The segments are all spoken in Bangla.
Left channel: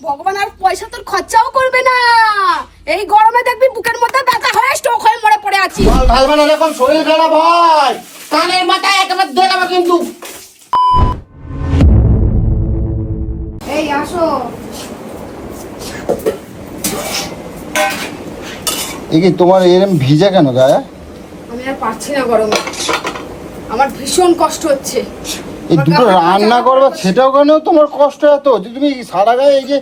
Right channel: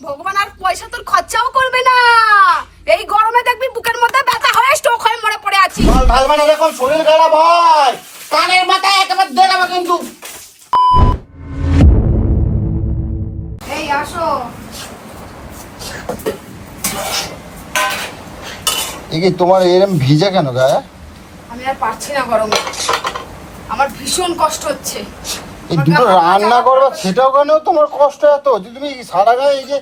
ভগবান আর পয়সা তোর খরচাও করবে না। এই গরমে দেখবি বুকের মধ্যে ব্যথা হয়ে স্ট্রোক হয়ে মরে পড়ে আছি। ভগবান এরকম শরীর খারাপ হয়, কানের মাথায় একেবারে দেখাবো কিন্তু। এই আসো। এই কি তোমার এরকম ভিজে কেন গায়ে? আমি আর পারছি না গরমে, আমার ভীষণ কষ্ট হচ্ছে। এই আমার দুটো গা হাত পা রান্না জ্বালা করো করছে। সেটাও কেন তোমার কষ্ট এত যে তুমি সারা গায়ে এই যে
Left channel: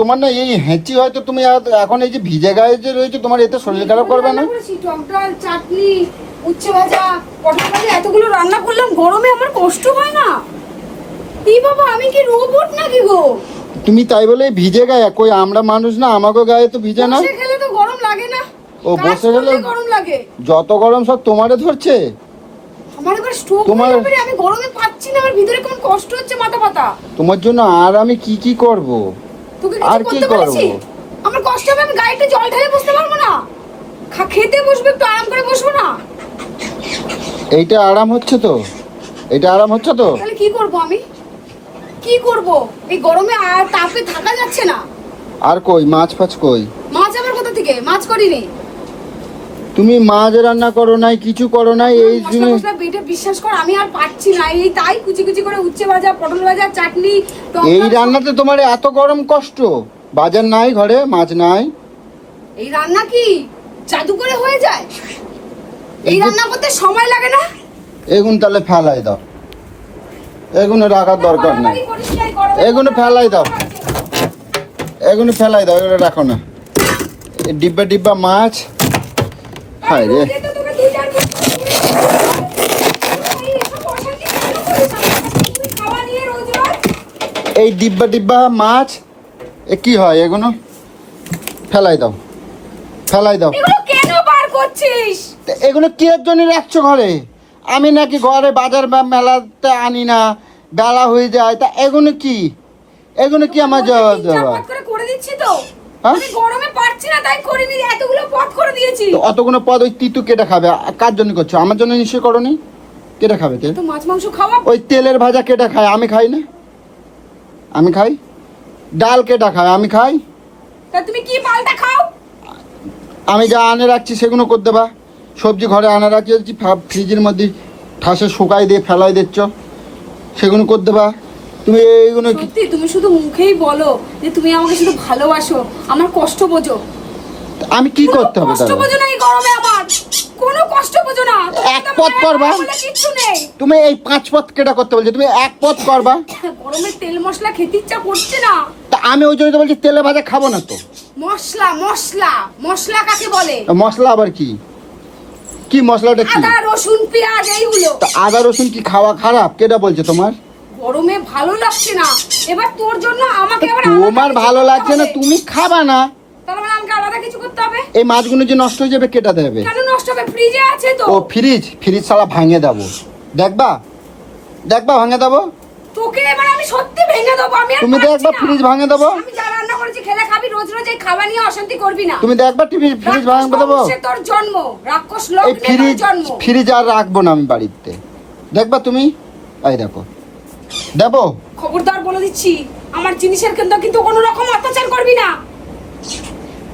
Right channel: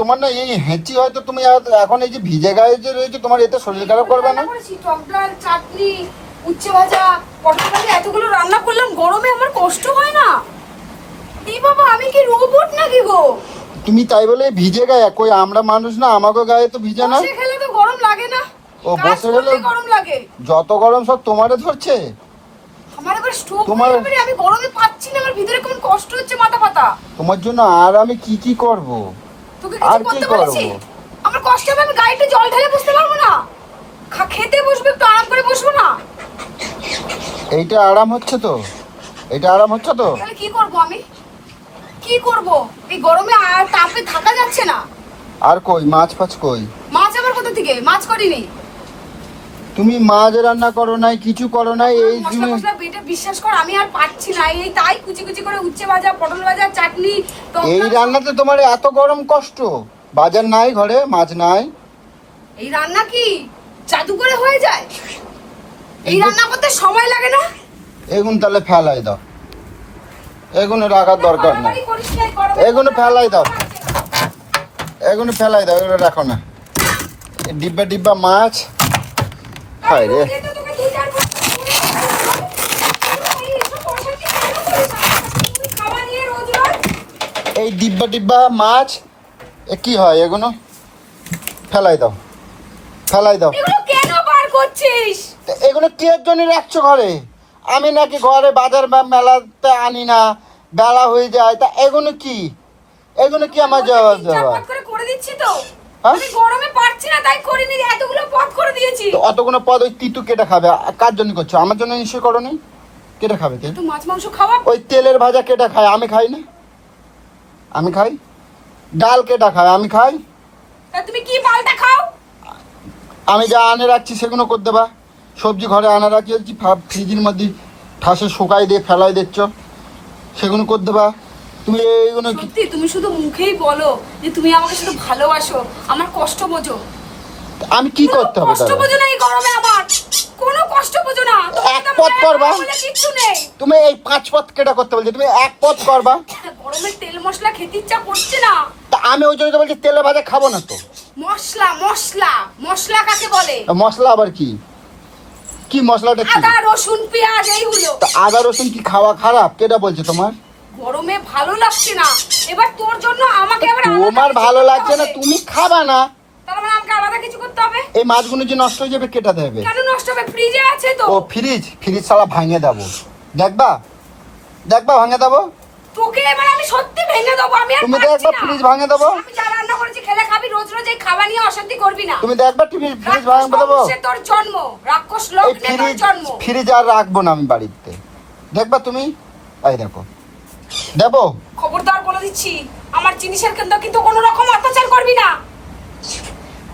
তোমার না এই হেঁচি হয়তো তুমি এখন এই যে ভিজে গায়ে যে রয়েছে তোমার এতে শরীর খারাপ করবে না? রান্না করেছি টক ডাল, চাটনি, উচ্ছে ভাজা, পটল ভাজা, এতগুলো রান্না করলাম গরমে আমার কষ্ট হয় না? এই বাবা আমি কি রোবট নাকি গো? তুমি তাই বলে ভিজে গায়ে, কই আমরা মানুষ না, আমাকে গায়ে তো ভিজে না। বসে খেলে তো গরম লাগে না? ও, কাজ বসে করলে খেলে- গরম লাগে। যত গরম সব তোমারে ধরছে। আমার এবার স্ট্রোক তোমার- হয়ে যাবে রে, আমি গরমে পাচ্ছি না, আমার ভিতরে কেমন কষ্ট হচ্ছে মাথা পাতা। তোমার জন্য আর আমি কি কি করব? তোকে কিছু আর কি করতে করবো? বলেছি? আমার কষ্ট হবে, আমি গাড়িতে জল ঢেলে বসতে পারবো না? খেতে বসবে, একটু আরাম করে বসবো না? এইটা আরাম হচ্ছে তো? এটা আরাম হচ্ছে তো? তাহলে কি করব আমি? কি করব? এই গরমে আর তাপে থাকা যাচ্ছে না। আর কই মাছ ফাছ কই? মাছ আমার কোথা থেকে? মাছ করিনি। তুমি মাছ রান্না করো নাই, কিছু করো নাই, আমার এই মশলা জিনিস মশলা বেটে বিশ্বাস কর আমি আর পাচ্ছি না। এই তাই কুচি কুচি করে উচ্ছে ভাজা, পটল ভাজা, চাটনি, টক এই ডাল সব- রান্নাতে তোমার এত গরম কষ্ট? বাজার নাই ঘরে, মাছ নাই? এই রান্না কি জাদু করে হয়ে যায়? এই এই যে- রান্না করতে সময় লাগে না? এগুলো তাহলে ফেলাই দাও, এগুলো রাখার দরকার নেই। বাড়াবাড়ি করিস না, এই গরমে। এগুলো ফেলাই দাও, এগুলো ফেলাই দাও, এগুলো রাখো না। এই ডিব্বা ডিব্বা মাছ, হায় রে। রোজই তো তোকে দু চার বার এই এসব অশান্তি তুই খাওয়া নিয়ে রোজ রোজ। এই ডিব্বা ডিব্বা মাছ এ কি হয়? এগুলো ফেলাই দাও, ফেলাই দাও। এগুলো কেন বার করছিস? তা এগুলো কি এর জন্য রাখছো ঘরে? আমি নাকি ঘরে বাজার বা মেলাতে আনি না, বেলা হয়ে যায়, তা এগুলো কি? এগুলো কি আমার যাওয়া তিন চার যাওয়া? পাত করে করে দিচ্ছি তো। হ্যাঁ? আমি গরমে পারছি না তাই করিনি, এতগুলো পথ করে দিয়েছি। অতগুলো পদ ওই তিতু কেটে খাবে? কার জন্য করছো? আমার জন্য নিশ্চয় করনি। কেটে খাবে কে? তো মাছ মাংস খাওয়া। ওই তেলের ভাজা কেটে খায়, আমি খাই না? আমি খাই। ডাল কেটে খায়, আমি খাই। তা তুমি কি পাল্টা খাও? আমি যা আনে রাখছি সেগুলো করে দেবা। সবজি ঘরে আনে রাখছি, ফ্রিজের মধ্যে ঠাসে শুকাই দিয়ে ফেলাই দিচ্ছ, সেগুলো করে দেবা। তুমি এইগুলো কি? সত্যি তুমি শুধু মুখেই বলো যে তুমি আমাকে শুধু ভালোবাসো, আমার কষ্ট বোঝো। আমি কি কোনো করতে হবে কষ্ট তাহলে? বোঝো না এই গরমে আমার, কোনো কষ্ট বোঝো না। তোমাকে এক তো পথ মনে হয় করবা? ভালো বলে কিচ্ছু নেই। তুমি এই 5 পথ কেটে করতে বলছো, তুমি এক পথ করবা? গরমে তেল মশলা খেতে ইচ্ছা করছে না। তা আমি ওই জন্য তো বলছি তেলে ভাজা খাবো না তো। মশলা মশলা মশলা কাকে বলে? মশলা আবার কি? কি মশলাটা কি? আদা রসুন পেঁয়াজ এইগুলো। তা আদা রসুন কি খাওয়া খারাপ? কেটা বলছে তোমার? গরমে ভালো লাগছে না, এবার তোর জন্য আমাকে আবার আলাদা তোমার কিছু ভালো করতে লাগছে না, হবে। তুমি খাবা না? তাহলে মানে আমাকে আলাদা কিছু করতে হবে। এই মাছগুলো যে নষ্ট হয়ে যাবে কেটা দেবে? কেন নষ্ট হবে? ফ্রিজে আছে তো। ও ফ্রিজ, ফ্রিজ ছাড়া ভাঙে দেবো। দেখবা, দেখবা ভাঙে দেবো। তোকে এবার আমি সত্যি ভেঙে দেবো, আমি আর তুমি পারছি দেখবা না। ফ্রিজ ভাঙে দেবো। আমি যা রান্না করেছি খেলে খাবি, রোজ রোজ এই খাবার নিয়ে অশান্তি করবি না। তুমি দেখবা টিভি ফ্রিজ রাক্ষস ভাঙে দেবো। বংশে তোর জন্ম, রাক্ষস এই লগ্নে তোর ফ্রিজ, জন্ম। ফ্রিজ আর রাখবো না আমি বাড়িতে। দেখবা তুমি, এই দেখো, দেবো। খবরদার বলে দিচ্ছি, আমার জিনিসের কিন্তু কোনো রকম অত্যাচার করবি না।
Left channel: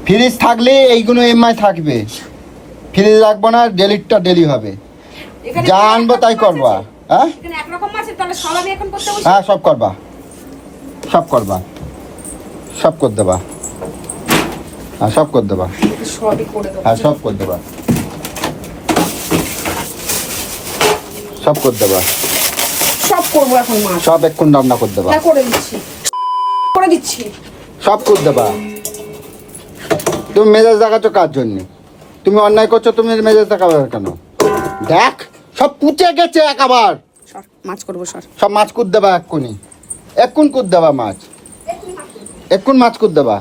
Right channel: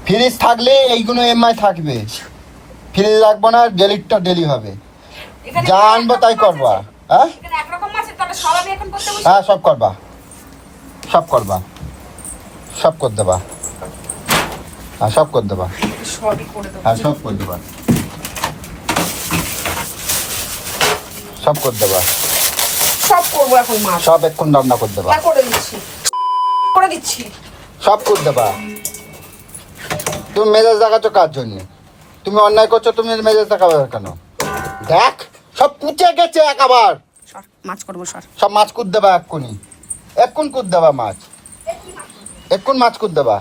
ফ্রিজ থাকলে এইগুলো এমআই থাকবে, ফ্রিজ রাখবো না, ডেলিটটা ডেলি হবে। এখানে যা এক আনবো রকম তাই মাছ করবা। আছে। হ্যাঁ এখানে একরকম মাছ আছে, তাহলে সব আমি এখন করতে বসি। হ্যাঁ, সব করবা, সব করবা, সব করে দেবা। হ্যাঁ, সব করে দেবা। সবই করে দেবো। হ্যাঁ, সব করে দেবা, সব করে দেবা। সব করবো এখন মাছ। সব এক্ষুন রান্না করে দেবা, হ্যাঁ করে দিচ্ছি, করে দিচ্ছি। সব করে দেবা। তুমি মেজাজ দেখাচ্ছ কার জন্য? তুমি অন্যায় করছো, তুমি মেজাজ দেখাবে কেন? দেখ, সব পুচে গেছে একেবার। সর, মাছ করবো সর। সব মাছ কুদ দেবা এক্ষুনি, এক্ষুন কুদ দেবা মাছ, এক্ষুন মাছ কুদ দেবা,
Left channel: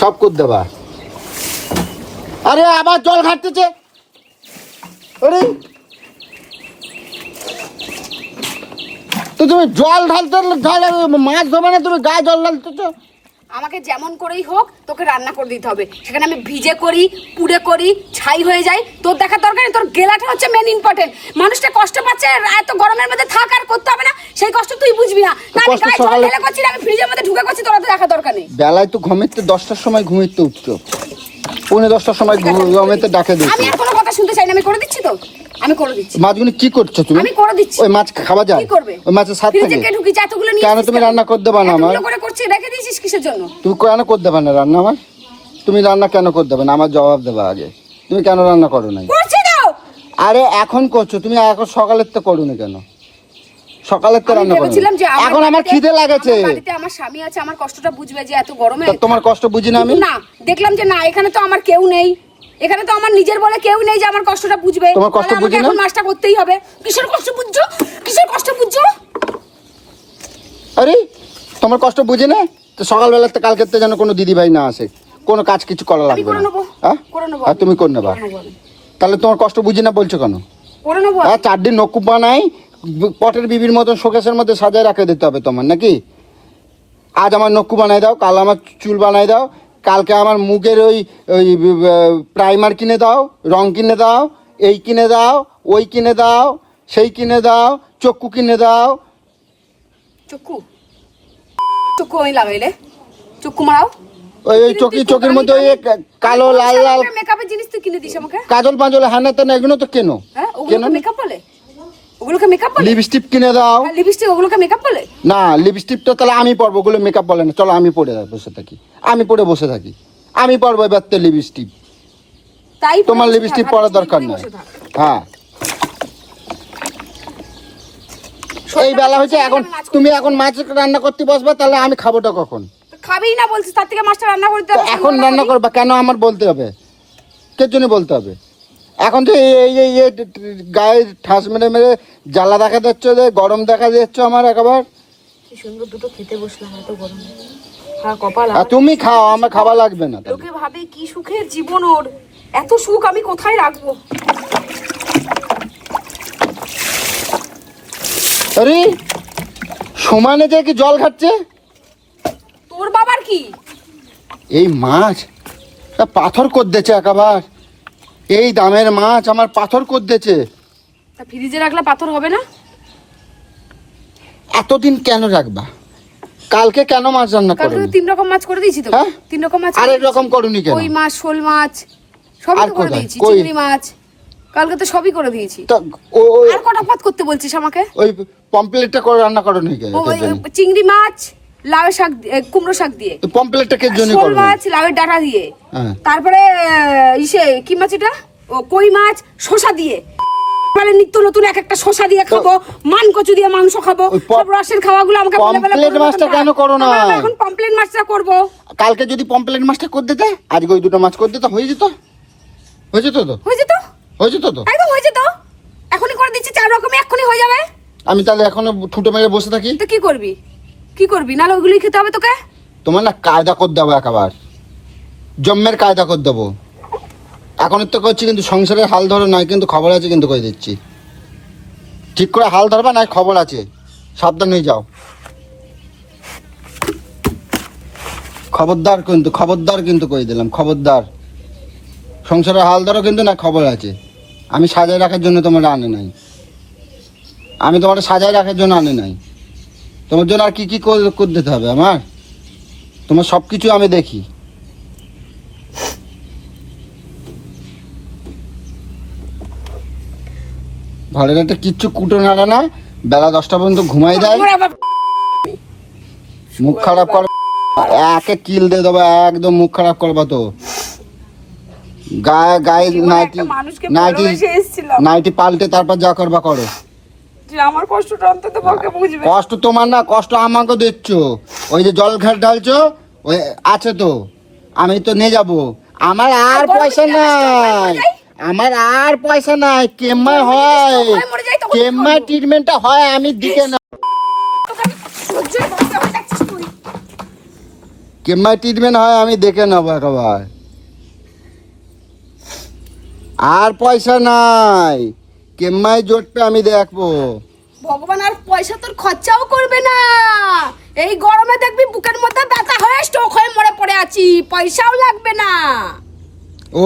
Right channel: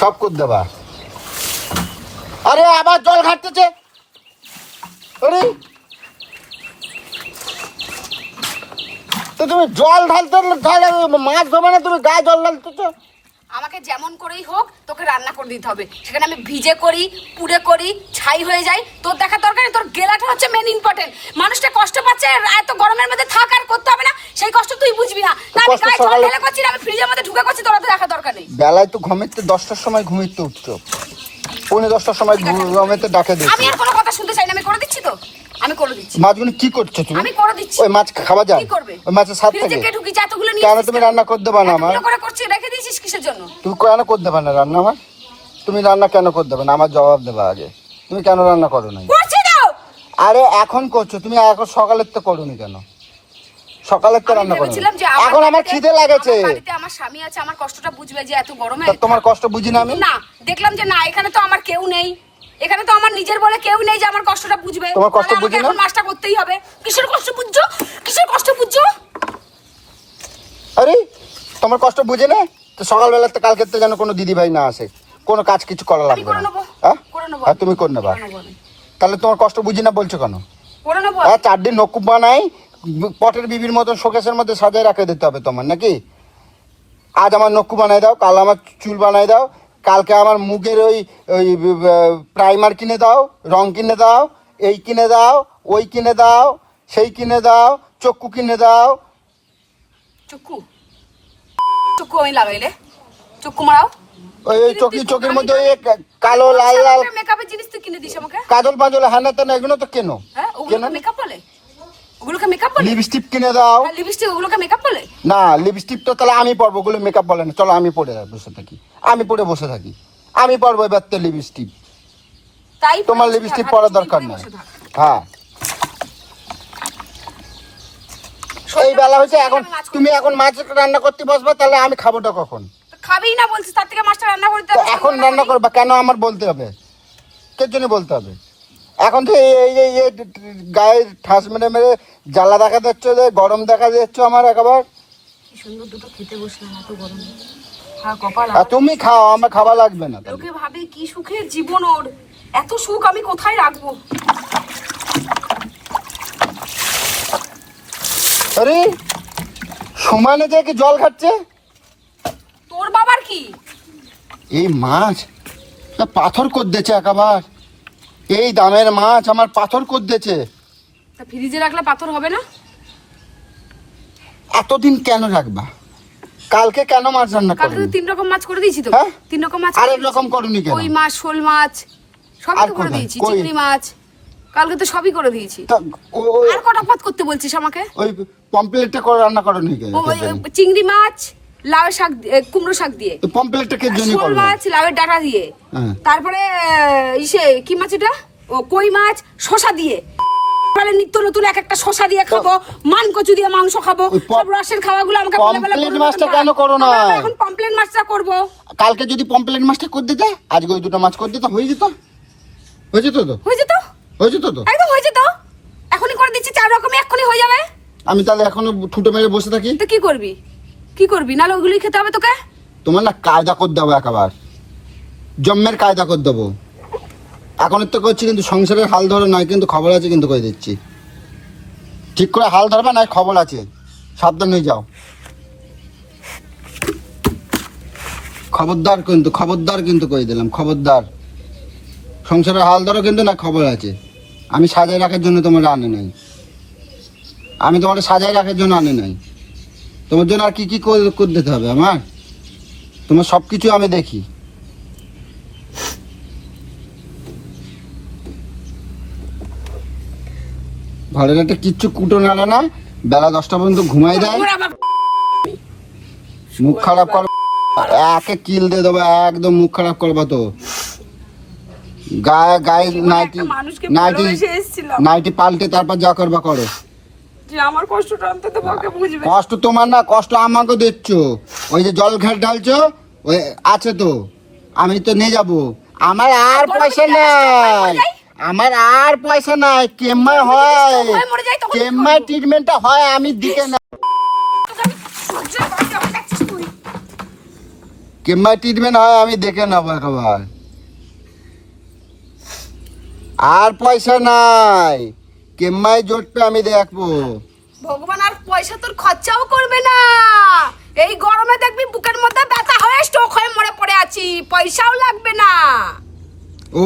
সব কুদ দেবা। আরে আবার জল ঘাটতেছে। আরে, তো তুমি জল ঢালতে ঢালে মাছ ধরবে না, তুমি গায়ে জল ঢালতেছো। আমাকে যেমন করেই হোক তোকে রান্না করে দিতে হবে। সেখানে আমি ভিজে করি, পুড়ে করি, ছাই হয়ে যায়, তোর দেখার দরকার নেই। তোর গেলাটা হচ্ছে মেন ইম্পর্টেন্ট। মানুষটা কষ্ট পাচ্ছে, এত গরমের মধ্যে থাক আর করতে হবে না, সেই কষ্ট তুই বুঝবি না। না আমি গায়ে জল ঢেলে করছি, আমি ফ্রিজের মধ্যে ঢুকে করছি, তোর তো দেখার দরকার নেই। বেলায় তো ঘুমিতে 10টার সময় ঘুমিতে উঠছো, 10:30টার সময় ঘুমিতে ডাকে দিচ্ছি। আমি আর কোনো কথা শুনতে চাই না, আমি করে দিচ্ছি তো, আমি করে দিচ্ছি। মাছগুলো কি করছো তুমি? আমি করে দিচ্ছি। ওই মাছ খাওয়া যায়? কি করবে? ওই মাছের স্বাদ ফ্রিজে থাকে? কে ঢুকিছে এতগুলো নিয়ে? কেন তুমি রান্না করে দেবা না? এতগুলো করে করছি, রেখে দিয়েছিস কিসের জন্য? তুমি কেন করে দেবে না রান্না? আমার তুমি রান্না কেন করে দেবে না? আমার জবাব দেবা আগে। তুমি কেন রান্না করো না? করছি তো। আরে এখন করছো তুমি, এখন সকালের তো করো না কেন? সকালের তো আমি রান্না করো। ভেবেছিলাম যে এখন আমার খিদে লাগেছে। আমার বাড়িতে আমার স্বামী আছে, আমার কষ্টটা বুঝবে যে এত গরমে। তোমার কষ্ট বুঝি না আমি? কিন্তু না, দেখলাম যে না, এখানে তো আমার কেউ নেই, এখানে তো আমার নিজের বলে কেউ নেই যে আমার কষ্টটা বুঝবে। তোমার কষ্ট তাহলে আমাকে বুঝি না? এখন মাছটা করতেই হবে। কিসের কষ্ট বুঝছো? কিসের কষ্ট বুঝছো? আরে তোমার কষ্ট বুঝি না তো সকালবেলা তো কালকের তো যেন কোনো দিদি ভাই না আসে, কোনো কাজ কিছু করা লাগবে আমি করে না। নেবো, হ্যাঁ? করে নেবো, হ্যাঁ, তুমি করে নেবা। করে নেবো আমি। তাহলে তোমার কষ্ট বুঝি না বলছো কেন? করে নেবো। হ্যাঁ, 4 দিন নকুব বানাই, পটের বিবির মতন শোকেসের মধ্যে সাজায় রাখে দিতে হবে তোমার নাকি? আজ আমার নকুব বানাই দাও, কাল আমার চুল বানাই দাও, কালকে আমার মুখের ওই ওই প্রাইমার কিনে দাও, রং কিনে দাও, এই কিনে দাও, ওই কিনে দাও, সেই কিনে দাও, চক্ষু কিনে দাও। চক্ষু চক্ষু আমি লাগাইলে চক্ষু মারাও। ওই চোখের মধ্যে ওই কালো লাল লাল মেকআপের জিনিস তুই কিনে দিস আমাকে? কাজল পাঁজল হানে তেনে এগুলো তো কেন? হ্যাঁ, ওগুলোকে মেকআপ বলে? ওগুলোকে মেকআপ বলে? লিপস্টিক কিনে দাও। হ্যাঁ, লিপস্টিক, ওগুলোকে মেকআপ বলে? না, লিপস্টিকটা তাহলে আমি পরবো, ওগুলো মেকআপ বলে না। চলো আমি পরে বসে থাকি, আমি পরে বসে থাকি, আমি পরবো এবার তো লিপস্টিক। তাই পরে তোমার বসে লিপস্টিক থাক, আর পরার চুরি দরকার করে নেই। বসে থাক। হ্যাঁ, এই শরীরটা বেলা হয়েছে, আমার এখন আমি মাছ তুমি করতে এখন মাছ রান্না করতে বসবা, তাহলে আমি খাবোটা কখন? খাবেই না বলছিস, তার থেকে মাছটা রান্না করে দিতে হবে। এখন রান্না করবা কেন আমার বলতে হবে? কে জন্য বলতে হবে? এখন যে গায়ে ঠাস মেরে মেরে জ্বালা দেখা যাচ্ছে, যে গরম দেখা যাচ্ছে আমার একেবারে। কি সুন্দর দুটো খেতে বসলাম এত গরমে। হ্যাঁ, কপাল আর আমার। তুমি খাও, আমার খাওয়া লাগবে না। লোকে ভাবে কি সুখের জীবন ওর, এত সুখ আমি কোথায় রাখবো? আরে সমানে যে কি জল খাচ্ছে? তোর বাবার কি? এই মাছ পাথর করতেছে একেবারে, এই দামের মাছ আমার পাথর করতেছে। তা ফ্রিজে রাখলে পাথর হবে না? এতদিন কেন রাখবা? কালকে কেন মাছ রান্না কালকে করো? তো 3 রকম মাছ করে দিয়েছি তো। হ্যাঁ? 3 রকম মাছ। আর এরকম করুনি কেন? ওই মাছ, শোল মাছ সবই আর তো করে কোথায়? দিয়েছি। কই? চিংড়ি মাছ কালকে তো সবই করে দিয়েছি। তো আর কটা পদ করতে বলছিস আমাকে? ওই পমপ্লেটটা করে রান্না করো নি কেন? ওই চিংড়ি মাছ লাউ শাক কুমড়ো শাক দিয়ে, তো পমপ্লেটটা কে জন্য শোল করো? মাছ লাউয়ের ডাঁটা দিয়ে, হ্যাঁ। তারপরে ইসে কি মাছ এটা, ও কই মাছ শসা দিয়ে, মানে নিত্য নতুন এক একটা শসা দিয়ে খাবো, মান কচু দিয়ে মাংস খাবো, ওই সব রসের খাওয়াগুলো আমাকে বলে বলে পমফ্লেট করো মাছটা না। কেন করো না? আমরা এখন পমপ্লেট মাছটা করবো। কালকে যদি পমপ্লেট মাছটা করে দিতে, আজকে ওই দুটো মাছ করে দিতে, হয়ে যেত। হয়ে যেত তো? হয়ে যেত, হয়ে যেত তো? একদম হয়ে যেত। এখনই করে দিচ্ছি 4 রকমই, এক্ষুনি হয়ে যাবে। আমি তাহলে এখনো ঠুটো মেরে বসে থাকি? তো কি করবি? কি করবি? নাহলে ওগুলোই খেতে হবে তোকে। তোমার না কায়দা করে দেবো একেবারে, জম্মের কায়দা করে দেবো। এখন তো করছি কিন্তু সংসারের হাল ধরো নয়, কিন্তু খবর আছে কিন্তু কই দিচ্ছি। ঠিক করে হাল ধরবা না, খবর আছে, সাবধান হয়ে যাও। খবরদার কিন্তু কই দিলাম, খবরদার। সংসারের হাল ধরো কিন্তু না, খবর আছে। আমি সাজায় রাখার জন্য তোমার আনে নাই, আমি তোমার সাজায় রাখার জন্য আনে নাই। তোমার জন্য আর কি কি করে দিতে হবে আমার? তোমার সব কিছু আমি দেখি। ঘরের একটা কিচ্ছু কুটো নাড়ে না, বেলা 10টা পর্যন্ত ঘুমাই দেয়। ওর আবার মুখ খারাপ করো, একে কিল দিয়ে দেবো, একদম মুখ খারাপ করবা তো। গায়ে গায়ে জীবনে একটা মানুষকে ভালোবেসে এসেছিলাম। নাইটি পাল্টে তারপর যা করবা করো। যে আমার কষ্টটা অন্তত পক্ষে বুঝবে। কষ্ট তোমার না, কষ্ট আমাকে দিচ্ছ। ওই যে জল ঘাট ঢালছো, ওই আছে তো, আমি তো নিয়ে যাব। আমার আর পয়সা নাই, আমার আর পয়সা নাই। কেমা হয়, কেমা ট্রিটমেন্টটা হয় আমি দিকে না। কেমা ট্রিটমেন্ট হয় আমি দেখে নেবো একেবারে। আর পয়সা নাই, কেম্মাই জোটটা আমি দেখবো। ভগবান আর পয়সা তোর খরচাও করবে না। এই গরমে দেখবি বুকের মধ্যে ব্যথা হয়ে স্ট্রোক হয়ে মরে পড়ে আছি, পয়সাও লাগবে না। ও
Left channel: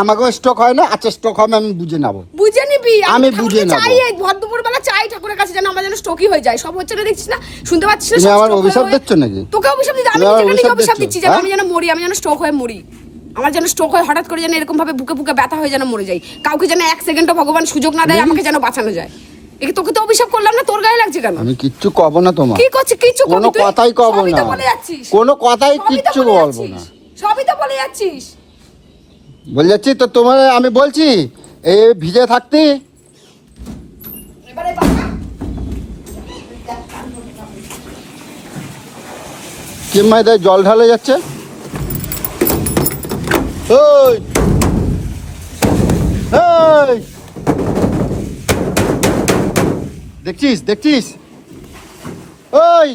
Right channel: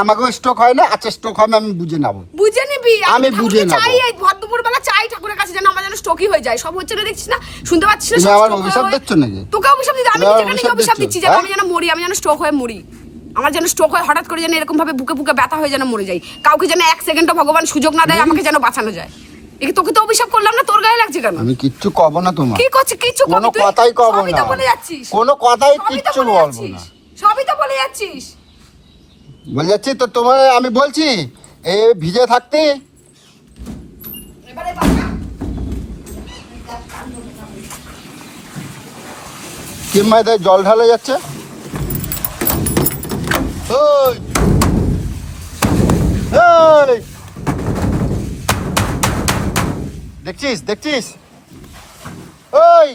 আমাকেও স্টক হয় না? আচ্ছা স্টক হবে, আমি বুঝে নেবো। বুঝে নিবি। আমি আমি বুঝে ঠাকুরকে নেবো। চাই, এই ভর দুপুর বেলা চাই ঠাকুরের কাছে যেন আমার যেন স্ট্রোকই হয়ে যায়। সব হচ্ছে না, দেখছিস না, শুনতে পাচ্ছিস না? তুমি সব আমার stroke অভিশাপ হয়ে- দিচ্ছ নাকি? তোকে অভিশাপ দিতে? আমি তুমি নিজেকে আমার নিজে অভিশাপ অভিশাপ দিচ্ছ? দিচ্ছি যেন আমি যেন মরি, আমি যেন স্ট্রোক হয়ে মরি। আমার যেন স্ট্রোক হয় হঠাৎ করে যেন এরকম ভাবে বুকে বুকে ব্যথা হয়ে যেন মরে যাই। কাউকে যেন এক সেকেন্ডও ভগবান সুযোগ না দেয় আমাকে যেন বাঁচানো যায়। একে তোকে তো অভিশাপ করলাম না, তোর গায়ে লাগছে কেন? আমি কিচ্ছু কব না তোমার। কি করছিস? কিচ্ছু কোনো কবি তুই? কথাই কব সবই তো না। বলে যাচ্ছিস। কোনো কথাই সবই তো কিচ্ছু বলে বলবো যাচ্ছিস। না। সবই তো বলে যাচ্ছিস। বলে যাচ্ছি তো তোমার, আমি বলছি এই ভিজে থাকতে। এবারে বাবা কেমাইদায় জল ঢালে যাচ্ছে। ওই! ওই! দেখছিস দেখছিস? ওই!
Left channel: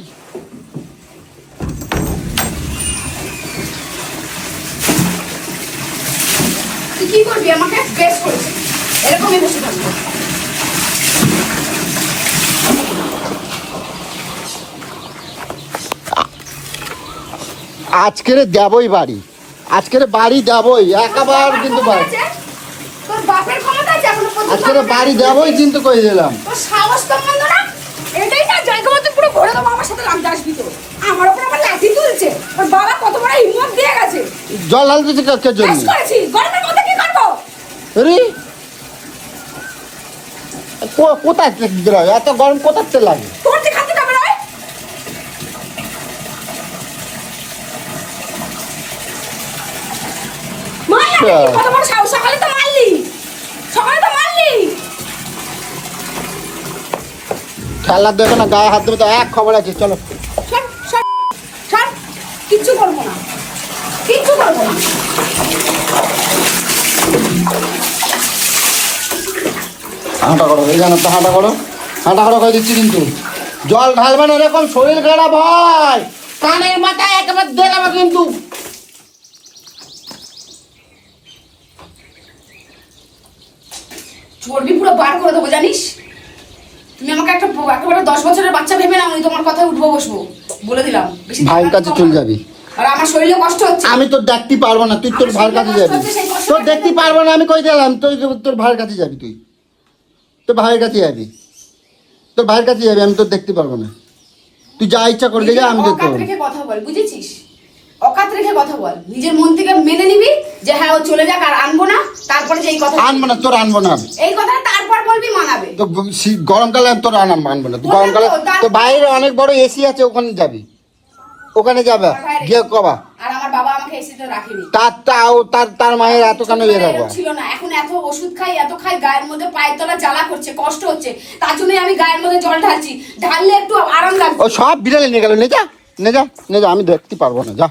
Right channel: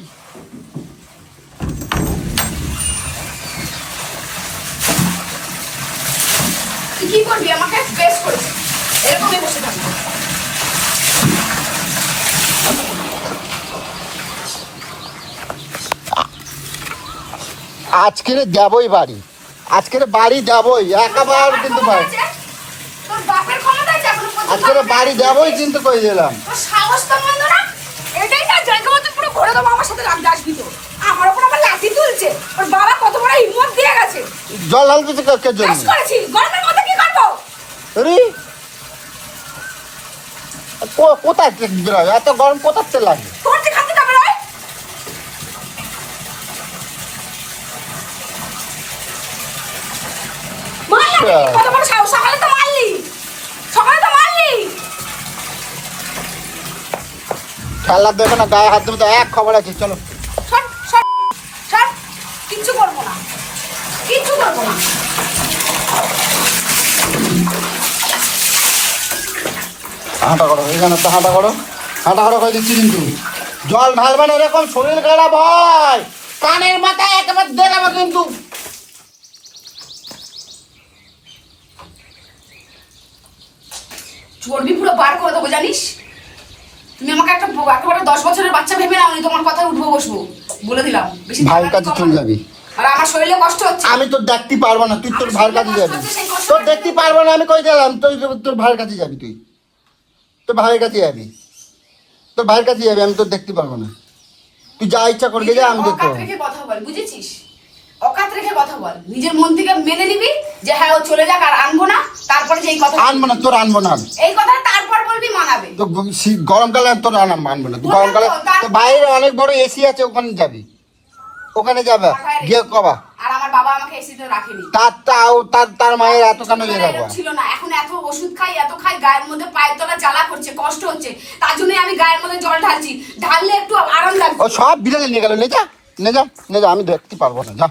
তুই কি করবি আমাকে? বেশ করেছিস, এরকমই বসে থাকবো। আজকের দেবই বাড়ি, আজকের বাড়ি দেবই, একেবারে বাবার কিন্তু ক্ষমতা দেবই। আছে? তোর বাপের ক্ষমতা আছে এখনো পর্যন্ত আজকের আমাকে বাড়ি এরকম দেবই কিন্তু করে দিলাম। তোর সাহস তো মন্দ না। এটাই না জায়গা মতো পুরো ঘুরে দেবো, আমার সাথে লাগতে আসবি তো। আমার ওপর আমার লাঠি তুলছে। ওর বাবা কত বড় হিম্মত দিয়ে গেছে। জল ঢালতেছি কাজকের বেশ জন্য। করেছি, গরমের মধ্যে কি করবো? আরে! কোথায় বেরোয়? এত গরম কোথায় চলে আসে? তোর যেখান থেকে বেরোয়। মারলা নাকি? কত বড় সাহস! সকালে তো মারলি, সকালে তো মারলি। খেলা দেবে না, গায়ে হাত দেবে, এক খবর আছে। চলো সর সর সর, কিচ্ছু করবো না, কিচ্ছু করবো না। দিচ্ছি কিন্তু জল ঢালবেন, এরকম শরীর খারাপ হয়। কানের মাথায় একেবারে দেড়াবো কিন্তু। চর্বি পুরো বার করে দেবো জানিস। তুমি আমাকে একেবারে 10 বছরের বাচ্চা ভেবে না, আমি তোমার কথায় উঠবো বসবো, বলে দিলাম। বেশি ভাইয়ের কাছে কম চলে না। যাবি। আর আমার শরীরে কষ্ট হচ্ছে। আমি তোর দেখতে পারবো না, তুই তোর আমার ভাইয়ের শরীরে কাছে কষ্ট হচ্ছে, যাবি। সেই কষ্ট তোর দেখতে পারবো না, আমি কই গেলাম? তোর ভাইয়ের কাছে যাবি, তুই তোর ভাইয়ের কাছে যাবি, তোর ভাইয়ের কাছে যাবি, আমি তোর দেখতে পারবো না। তুই যা ইচ্ছা করবি, নিজের আমি দেখতে অকাত পারবো। রেখে কথা বল, বুঝেছিস? অকাত রেখে কথা বল, নিজের মন থেকে মেনে নিবি যে হ্যাঁ ও চলে যাক আর আনবো না। তারপরে যে এই কথা, আনবো না, তোর আনবো না। এই কথাটা তারপর বলবি, মানাবে। তো গরমকালে তোর আনবো না। বললাম তো, তার- তো বাইরে অনেক বড় এসি আছে, ওখানে যাবি, ওখানে যাবে আমার ভাইয়ের গিয়ে কবা। আর আমার বাবা আমাকে এসিতে রাখেনি। তার মানে এত কেন ছোটবেলায় এরকম ছিল না, এখন এত ওষুধ খাই, এত খাই, গায়ের মধ্যে পায়ের তলা জ্বালা করছে, কষ্ট হচ্ছে। তার জন্যই আমি গায়ের মধ্যে জল ঢালছি, ঢাললে একটু আরাম লাগছে। ও সব বিড়ালে নিয়ে গেল, নিয়ে যা, নিয়ে যা, নিয়ে যা, আমি দেখতে পারবো না, যা।